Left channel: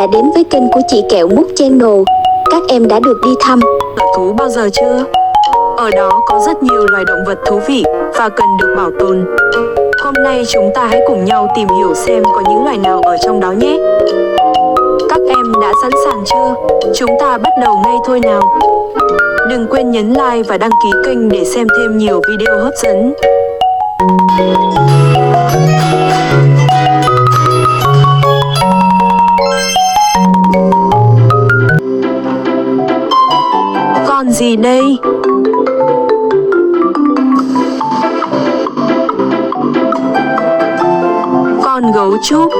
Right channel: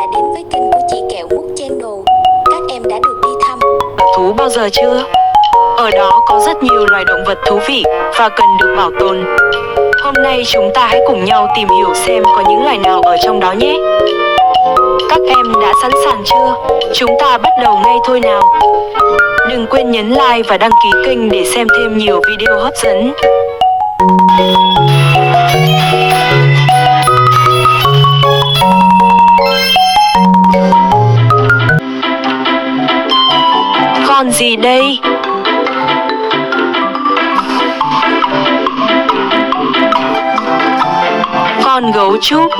đã đến với kênh của chị Kẹo Mút Channel. Các em đã được đi thăm thú bao giờ chưa? Ở đó có rất nhiều loài động vật thú vị và cần được bảo tồn. Hôm nay chúng ta hãy cùng nhau tìm hiểu xem có những loài nào ở trong đó nhé. Các em đã sẵn sàng chưa? Chúng ta bắt đầu ngay thôi nào. Đừng quên nhấn like và đăng ký kênh để xem thêm nhiều video hấp dẫn. Con gì đây? Con gấu trúc.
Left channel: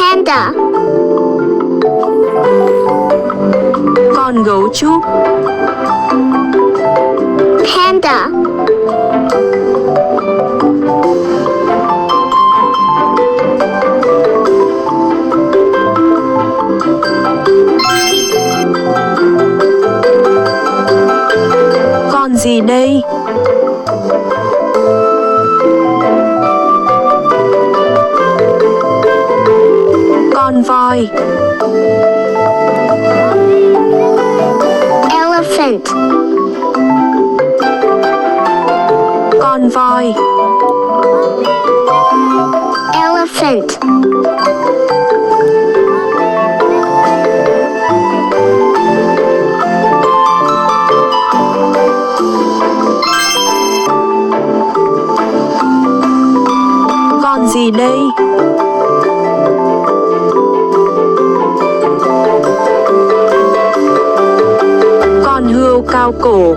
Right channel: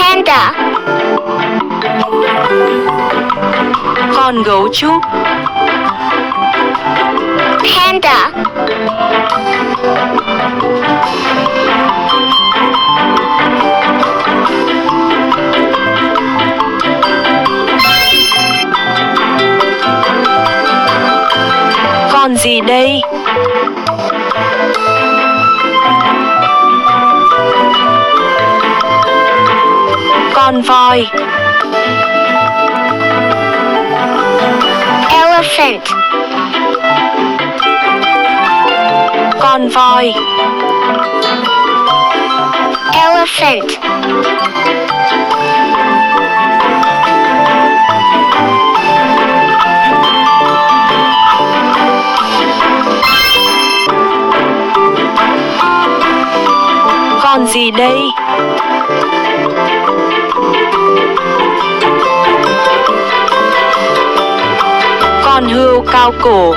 Panda. Con gấu trúc. Panda. Con gì đây? Con voi. Elephant. Con voi. Elephant. Con gì đây? Con hươu cao cổ.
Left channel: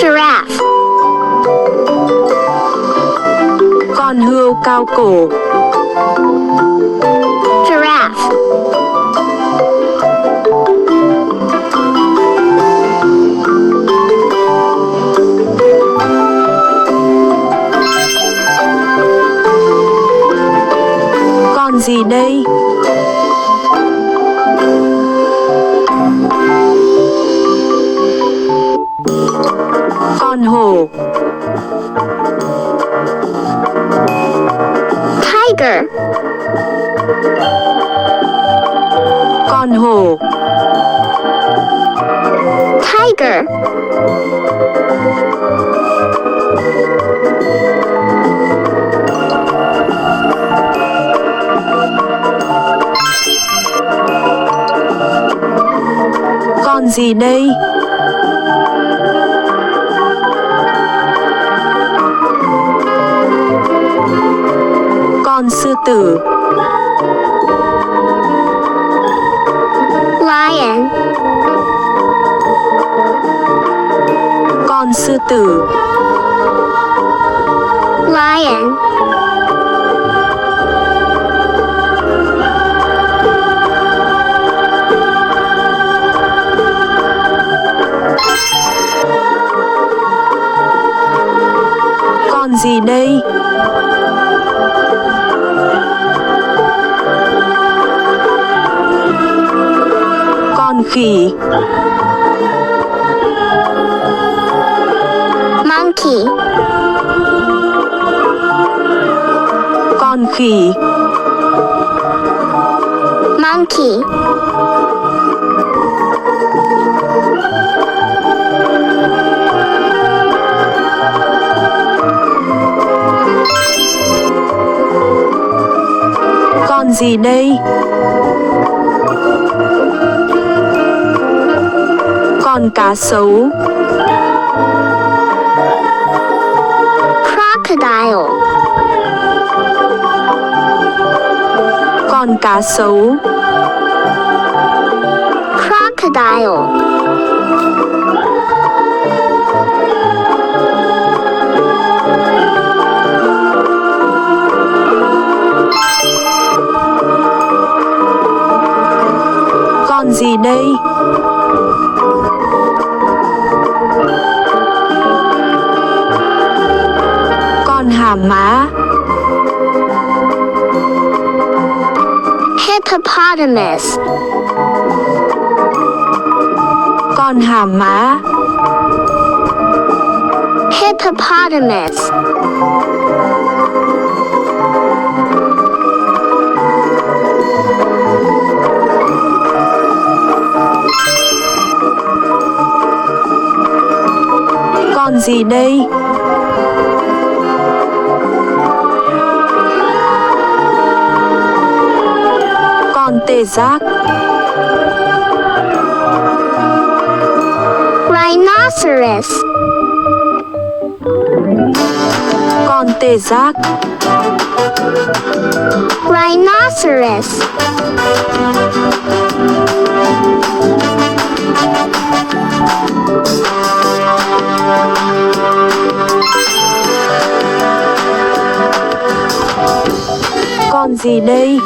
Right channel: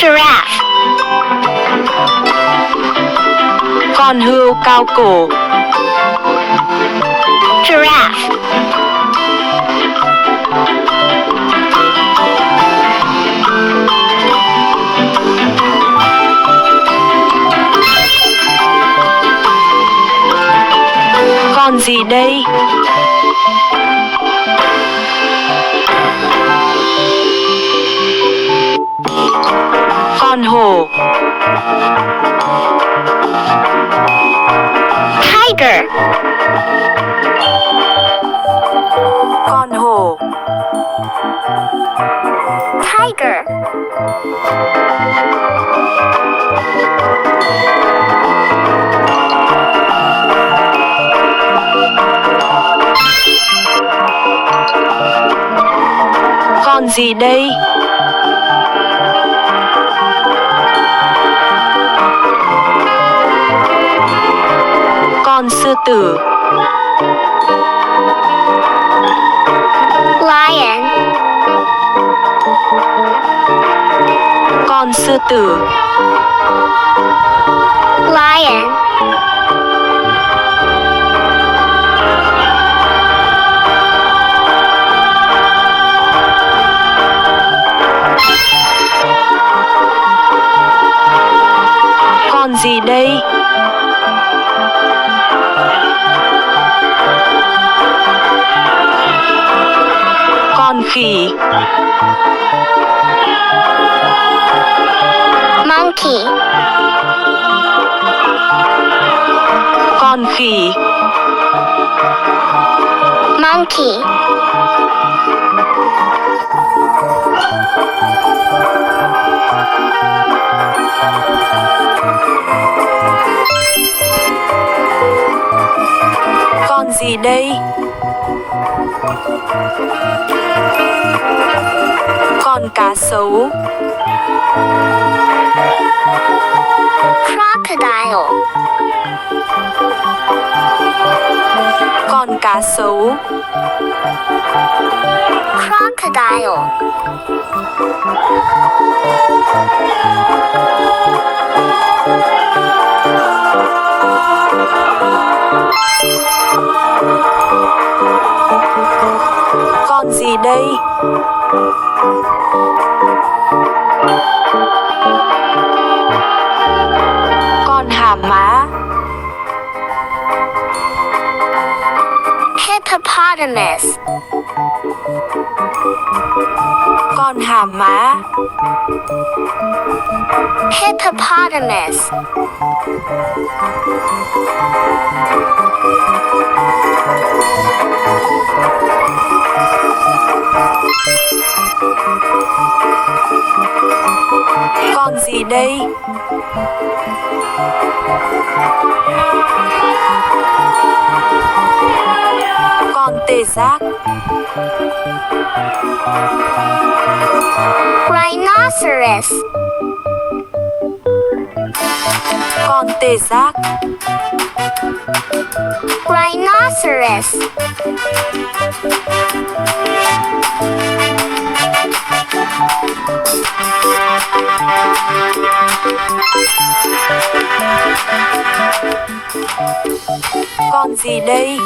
Giraffe. Con hươu cao cổ. Giraffe. Con gì đây? Con hổ. Tiger. Con hổ. Tiger. Con gì đây? Con sư tử. Lion. Con sư tử. Lion. Con gì đây? Con khỉ. Monkey. Con khỉ. Monkey. Con gì đây? Con cá sấu. Crocodile. Con cá sấu. Crocodile. Con gì đây? Con hàm má. Hippopotamus. Con hàm má. Hippopotamus. Con gì đây? Con tê giác. Rhinoceros. Con tê giác. Rhinoceros. Con gì đây?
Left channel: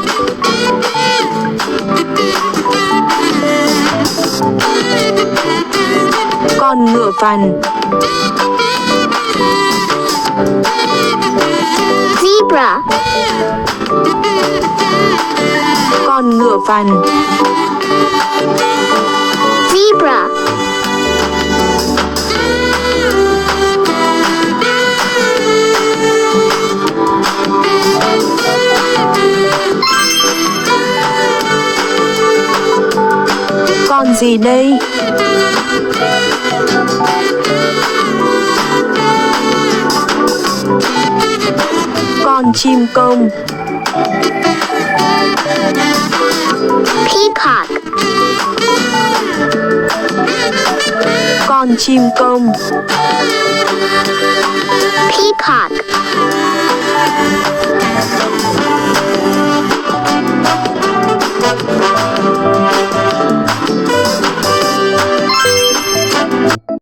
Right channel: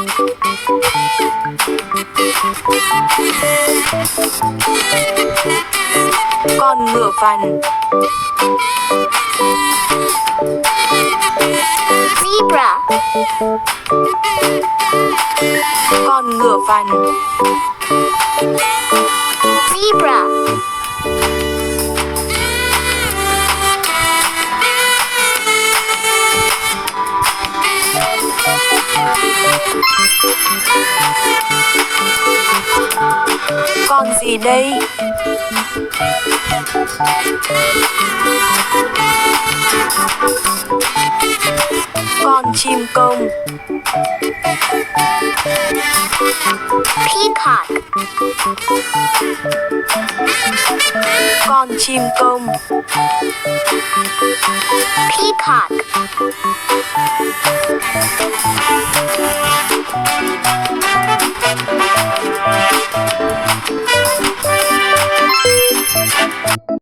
Con ngựa vằn. Zebra. Con ngựa vằn. Zebra. Con gì đây? Con chim công. Peacock. Con chim công. Peacock.